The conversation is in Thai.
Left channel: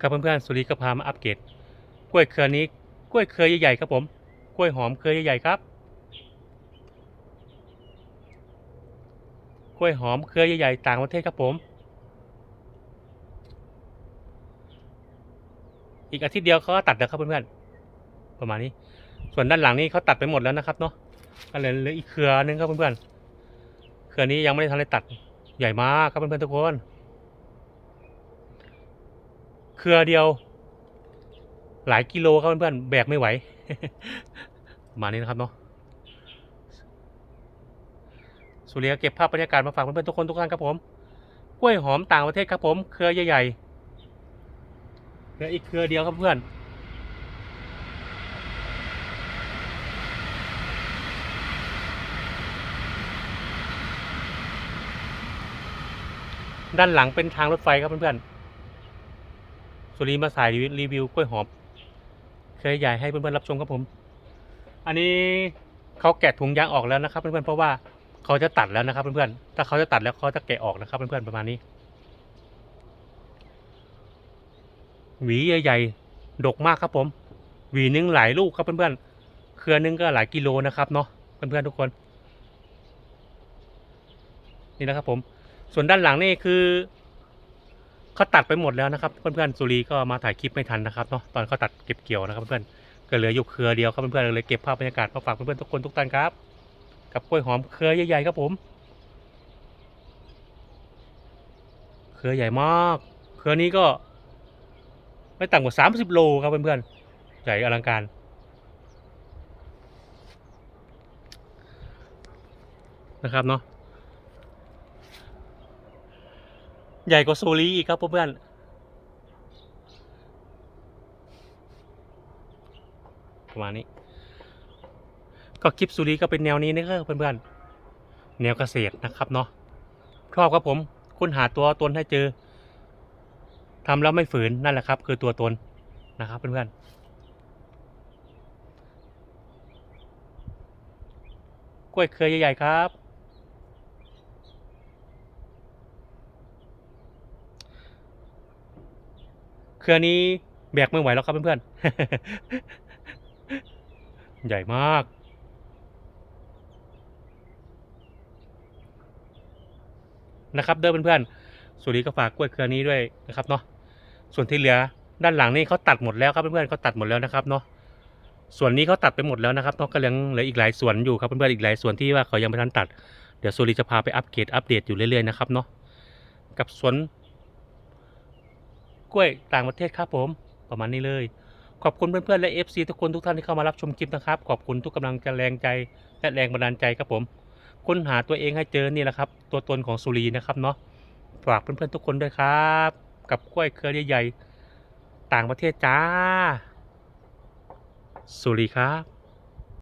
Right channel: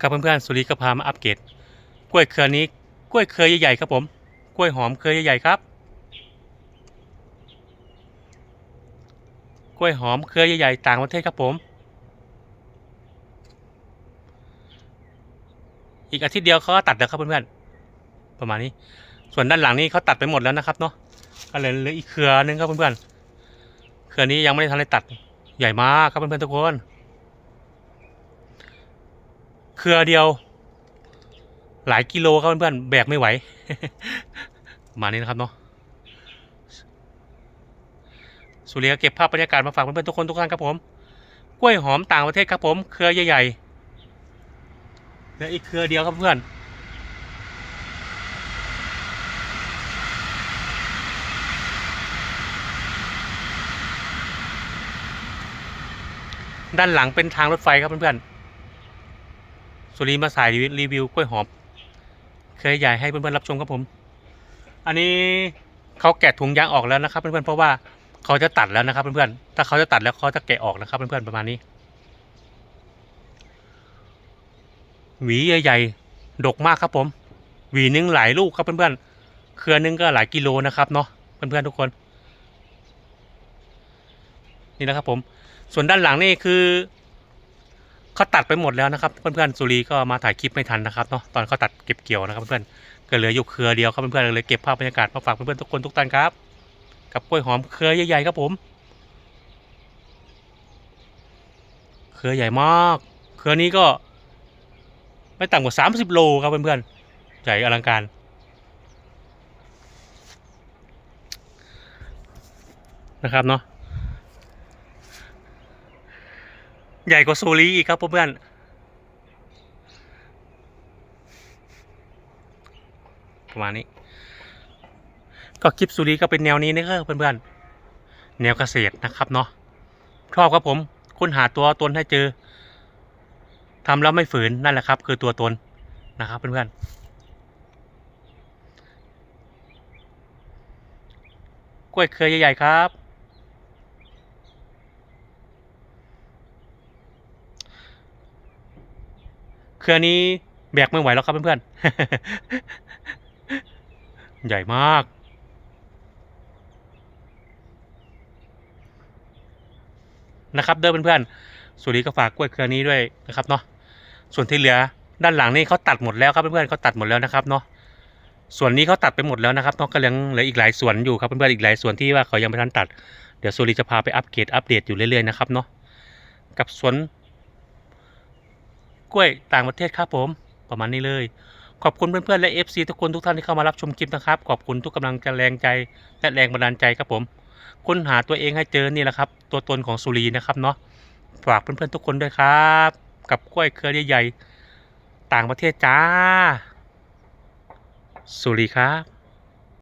ครับเพื่อนๆสุริก็พามาอัปเกรดกล้วยเครือนี้กล้วยเครือใหญ่ๆครับผมกล้วยหอมเครือใหญ่ๆครับ กล้วยหอมเครือใหญ่ๆต่างประเทศครับผม อีกอาทิตย์เดียวเขาก็ตัดแล้วครับเพื่อนๆประมาณนี้ ส่วนด้านหลังนี้เขาตัดไปหมดแล้วนะครับเนาะก็เหลือเหลืออีกเครือนึงครับเพื่อนๆเครือนี้ยังไม่ได้ทันได้ตัดใหญ่มากครับเพื่อนๆทุกคน เครือเดียว หลายกิโลครับเพื่อนๆแบกไม่ไหว มานี้นะครับเนาะสุริยกเก็บภาพบรรยากาศมาฝากเพื่อนๆทุกคนทุกท่านครับผม กล้วยหอมต่างประเทศครับผม เครือใหญ่ๆเหลืออีกเครือเดียวครับเพื่อนด้านหลังเป็นทางรถไฟครับเพื่อนๆ สุรีมาสายรีวิวกล้วยหอมเคยใหญ่ให้เพื่อนๆรับชมครับผม อันนี้เขาแกะถุงยางออกแล้วนะครับเพื่อนๆเพราะว่าเขาจะตัดแล้วนะครับเพื่อนๆถ้าเขาจะตัดแล้วเขาจะแกะออกนะครับเพื่อนๆประมาณนี้ หวีใหญ่ๆดกมากครับผม หวีนึงหลายลูกครับเพื่อนๆเครือหนึงก็หลายกิโลนะครับเนาะเพื่อนๆทุกคน นี่นะครับผม ส่วนด้านหลังนี่คือ เขาตัดไปหมดแล้วนะครับเพื่อนๆสุรีก็มาถ่ายคลิปไม่ทันนะครับเนาะตอนเขาตัดเก็บเกี่ยวนะครับเพื่อนๆก็เหลืออยู่เครือเดียวครับเพื่อนๆเลยเก็บภาพบรรยากาศมาฝากเพื่อนๆทุกคนทุกท่านครับกับกล้วยหอมเครือใหญ่ๆครับผม เครือใหญ่มาก เครือนี้ก็ ไม่ต่ำกว่า 30 โลครับเพื่อนๆใหญ่อลังการ นะครับเนาะ ใหญ่กว่าโซลีอีกครับเพื่อนประมาณนี้ ก็คลิปซูรีก็เป็นแนวนี้นะครับเพื่อนๆ แนวเกษตรนะครับเนาะชอบครับผมค้นหาตัวตนให้เจอทำแล้วไม่ฝืนนั่นแหละครับ คือตัวตนนะครับเพื่อนๆกล้วยเครือใหญ่ๆครับ เครือนี้แบกไม่ไหวแล้วครับเพื่อนๆ ใหญ่มาก นะครับเด้อเพื่อนๆสุรีก็ฝากกล้วยเครือนี้ด้วยนะครับเนาะ ส่วนที่เหลือด้านหลังนี่เขาตัดหมดแล้วครับเพื่อนๆเขาตัดหมดแล้วนะครับเนาะ ส่วนนี้เขาตัดไปหมดแล้วนะครับเนาะก็ยังเหลืออีกหลายส่วนอยู่ครับเพื่อนๆอีกหลายส่วนที่ว่าเขายังไม่ทันตัด เดี๋ยวสุรีจะพาไปอัปเกรดอัปเดตอยู่เรื่อยๆนะครับเนาะ กับสวน กล้วยต่างประเทศครับผม ประมาณนี้เลย ขอบคุณเพื่อนๆและ FC ทุกคนทุกท่านที่เข้ามารับชมคลิปนะครับ ขอบคุณทุกกำลังแรงใจและแรงบันดาลใจครับผม ค้นหาตัวเองให้เจอนี่แหละครับ ตัวตนของสุรีนะครับเนาะฝากเพื่อนๆทุกคนด้วยครับ กับกล้วยเครือใหญ่ๆต่างประเทศจ้า สุรีครับ